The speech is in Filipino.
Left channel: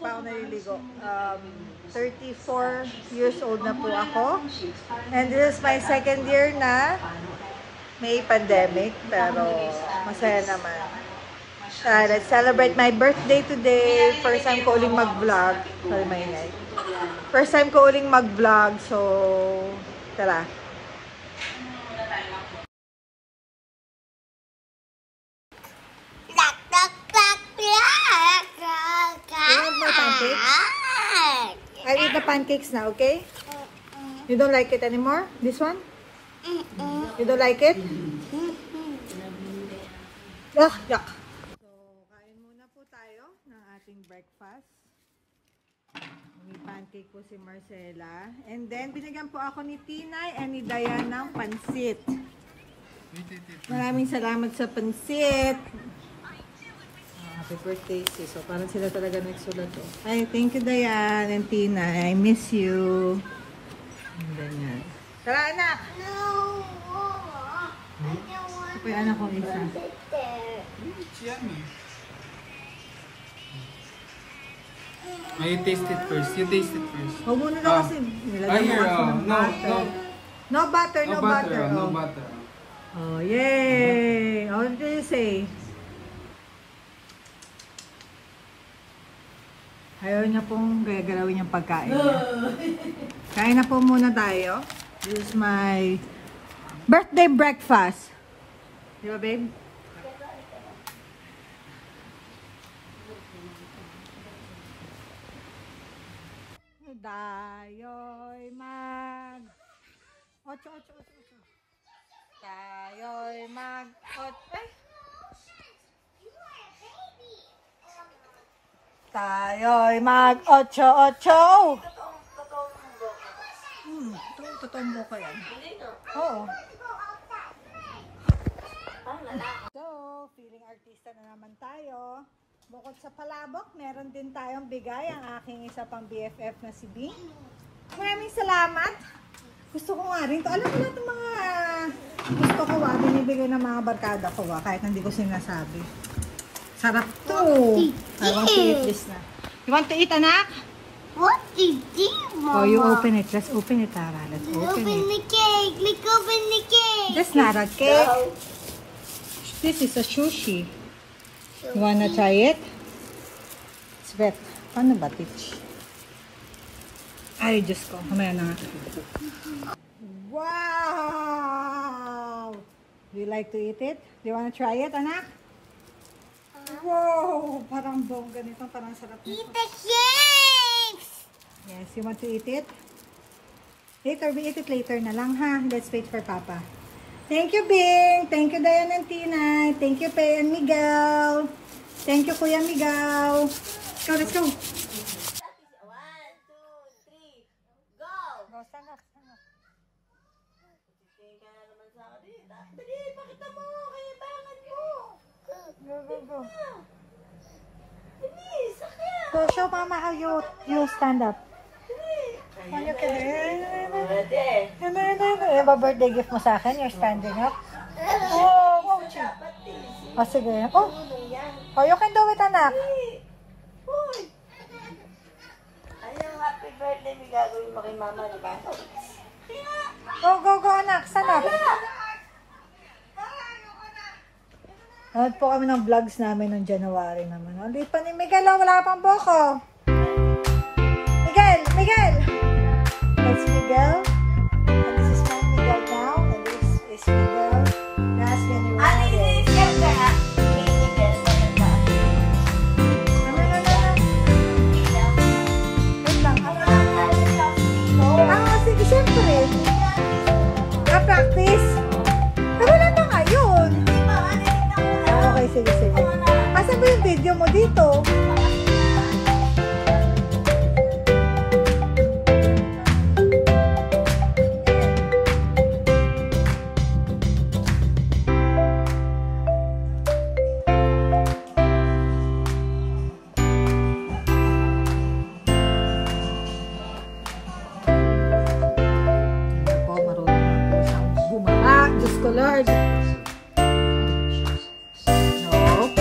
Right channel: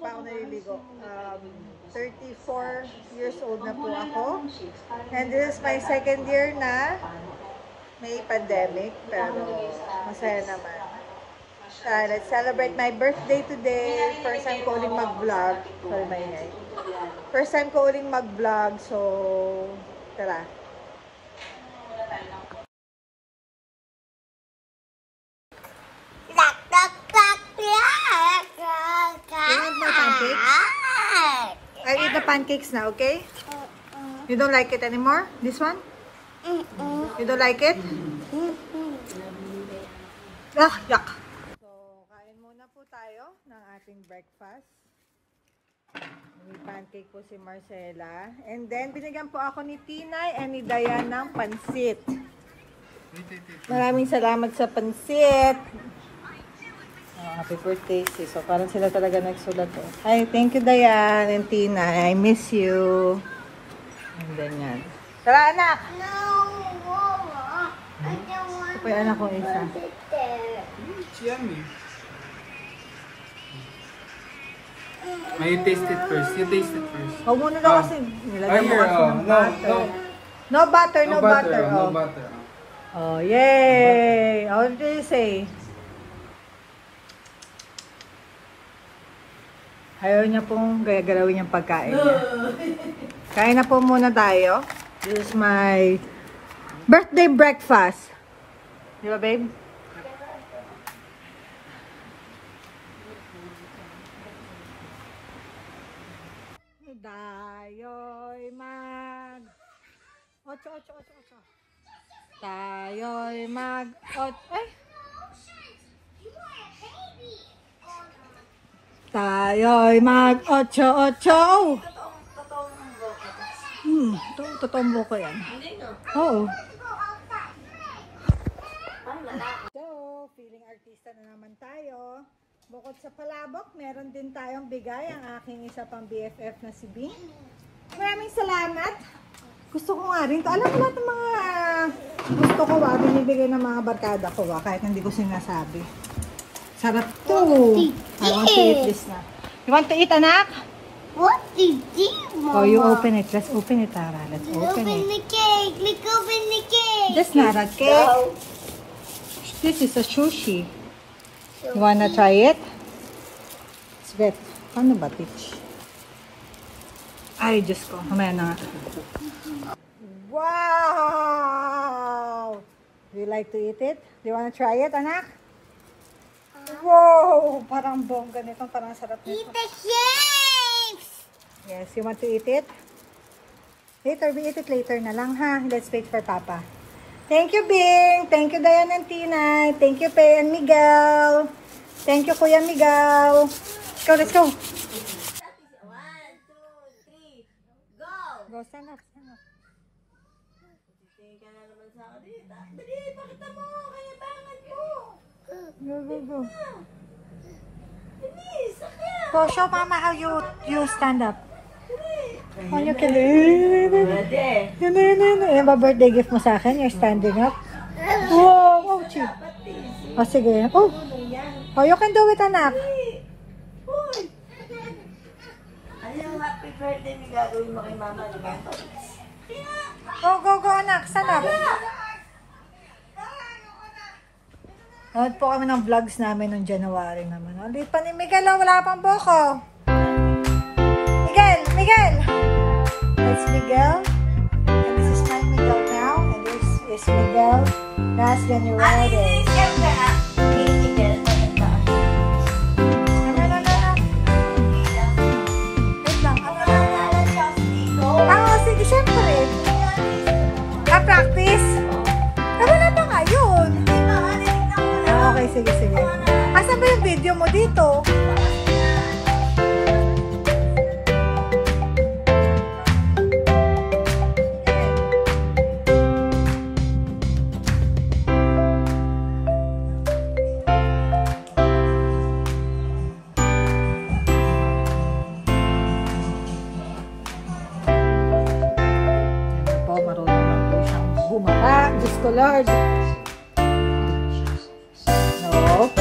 pa ako naliligo. 34 years old na po ako. And this is my second year na may pandemic, pero masaya naman. Let's celebrate my birthday today. First time ko uling mag-vlog. Sorry, maingay. First time ko uling mag-vlog, so tara. I eat the pancakes now, okay? You don't like it anymore? This one? You don't like it? Yuck, yuck. So, kain muna po tayo ng ating breakfast. May pancake po si Marcela. And then, binigyan po ako ni Tinay and ni Dayan ng pansit. Maraming salamat sa pansit. Happy birthday, sis. So, parang sila talaga nagsulat. Ay, thank you, Dayan and Tinay. I miss you. And then yan. Tara, anak! Ito po yung anak ko isa. It's yummy. You taste it first. You taste it first. Huwag muna daw kasi nilagyan mo kasi ng butter. No butter, no butter. No butter. Oh, yay! What did you say? Ayaw niya pong gaya-galawin yung pagkain niya. Kain na po muna tayo. This is my birthday breakfast. Di ba, babe? Tayo'y mag... Ocho. Tayo'y mag... Ay! Tayo'y mag... Ocho. Totombo ko yan. Oo. So, feeling artista na naman tayo. Bukod sa palabok, meron din tayong bigay ang aking isa pang BFF na si Bing. Maraming salamat. Gusto ko nga rin ito. Alam mo lahat ng mga gusto ko binibigay ng mga barkada ko kahit hindi ko sinasabi. Sarap to. Parang sweetless na. You want to eat, anak? What is this, Mama? Oh, you open it. Let's open it, Tara. Let's open it. The cake. Let's open the cake. That's not a cake. This is a sushi. You wanna try it? Sweet. Paano ba, Tich? Ay, Diyos ko. Mamaya na nga. Wow! Do you like to eat it? Do you wanna try it, anak? Wow! Parang bongga nito. Parang sarap nito. Eat the cakes. Yes, you want to eat it? Later, we eat it later na lang, ha? Let's wait for Papa. Thank you, Bing. Thank you, Dayan and Tinay. Thank you, Pei and Miguel. Thank you, Kuya Miguel. Let's go. 1, 2, 3, go. Go, stand up, stand up. Dali, pakita mo. Kaya bakit mo. Go. Go, show Mama how you stand up. On you can do. Yung birthday gift mo sa akin, you're standing up. Oh, chi. Oh, sige. Oh, you can do it, anak. Ano yung happy birthday na gagawin mo kay Mama, di ba? Go, anak. Stand up. Nood po kami ng vlogs namin noong January. Hindi pa ni Miguel, wala pang boko. Miguel! That's Miguel. And this is not Miguel now. And this is Miguel. Last January. Diyos ko, Lord. No.